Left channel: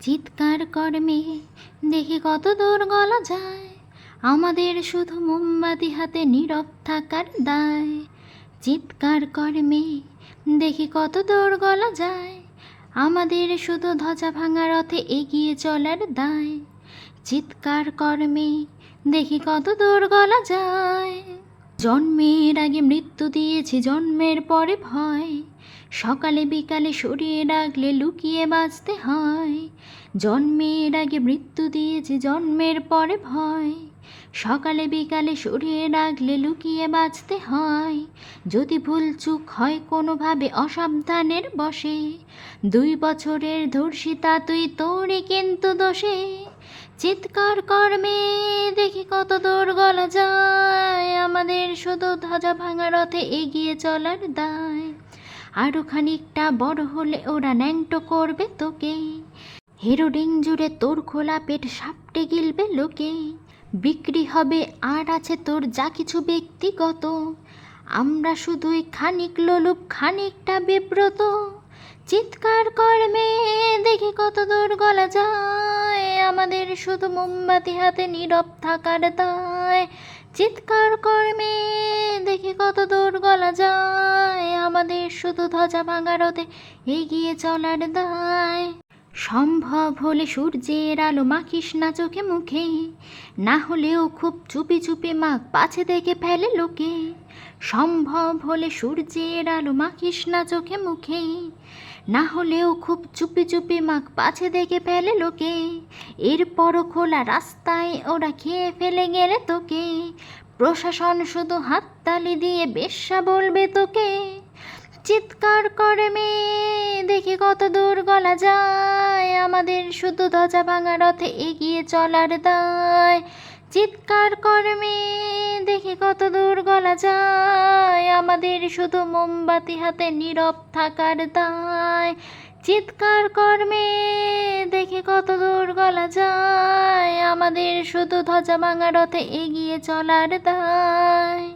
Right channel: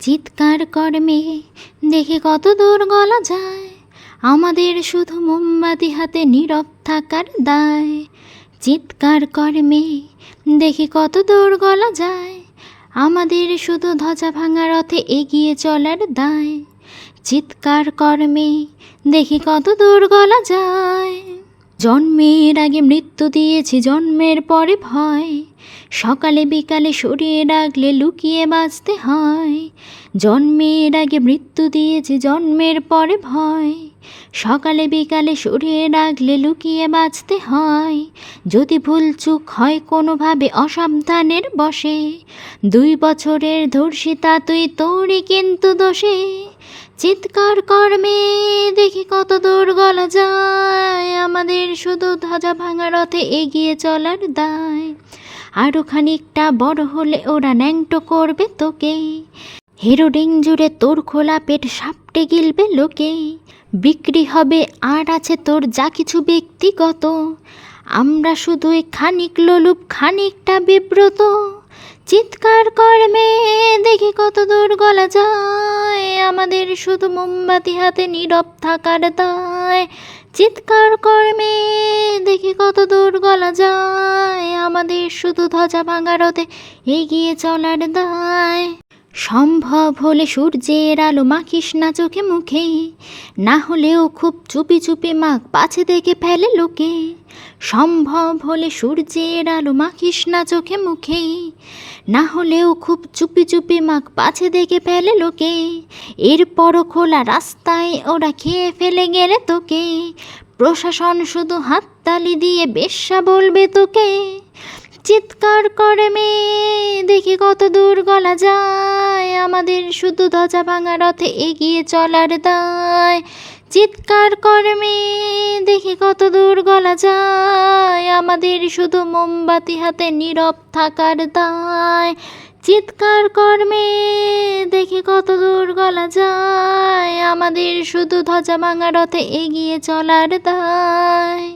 চিৎকার কর মেয়ে, দেখি কত দূর গলা যায়, আমাদের শুধু মোমবাতি হাতে নীরব থাকার দায়। চিৎকার কর মেয়ে, দেখি কত দূর গলা যায়, আমাদের শুধু ধ্বজা ভাঙা রথে এগিয়ে চলার দায়। চিৎকার কর মেয়ে, দেখি কত দূর গলা যায়। জন্মের আগে মৃত্যু দিয়েছি, জন্মের পরে ভয়, সকালে বিকালে সরিয়ে রাখলে লুকিয়ে বাঁচতে হয়। জন্মের আগে মৃত্যু দিয়েছি, জন্মের পরে ভয়, সকালে বিকালে সরিয়ে রাখলে লুকিয়ে বাঁচতে হয়। যদি ভুল চুক হয় কোনোভাবে অসাবধানের বশে, 2 বছরের ধর্ষিতা তুই, তোরই কিন্তু দোষে। চিৎকার কর মেয়ে, দেখি কত দূর গলা যায়, আমাদের শুধু ধ্বজা ভাঙা রথে এগিয়ে চলার দায়। আরও খানিকটা বড় হলে ওরা ন্যাংটো করবে তোকে, হেরোডিং জুড়ে তোর খোলা পেট সাপটে গিলবে লোকে। বিক্রি হবে আর আছে তোর যা কিছু ব্যক্তিগত, আমরা শুধুই খানিক লোলুপ, খানিকটা বিব্রত। চিৎকার কর মেয়ে, দেখি কত দূর গলা যায়, আমাদের শুধু মোমবাতি হাতে নীরব থাকার দায়। চিৎকার কর মেয়ে, দেখি কত দূর গলা যায়, আমাদের শুধু ধ্বজা ভাঙা রথে এগিয়ে চলার দায়। সম্ভব হলে সূর্যের আলো মাখিস না চোখে মুখে, না হলেও খুব চুপি চুপি মাখ, পাছে দেখে ফেলে লোকে। সম্ভব হলে সূর্যের আলো মাখিস না চোখে মুখে, না হলেও খুব চুপি চুপি মাখ, পাছে দেখে ফেলে লোকে। এরপরও খোলা রাস্তায় ওরা খেয়ে ফেলে গেলে তোকে, প্রশাসন শুধু হাততালি দিয়ে বেশ্যা বলবে তোকে। চিৎকার করে মেয়ে, দেখি কত দূর গলা যায়, আমাদের শুধু ধ্বজা ভাঙা রথে এগিয়ে চলার দায়। চিৎকার করে মেয়ে, দেখি কত দূর গলা যায়, আমাদের শুধু মোমবাতি হাতে নীরব থাকার দায়। চিৎকার কর মেয়ে, দেখি কত দূর গলা যায়, আমাদের শুধু ধ্বজা ভাঙা রথে এগিয়ে চলার দায়।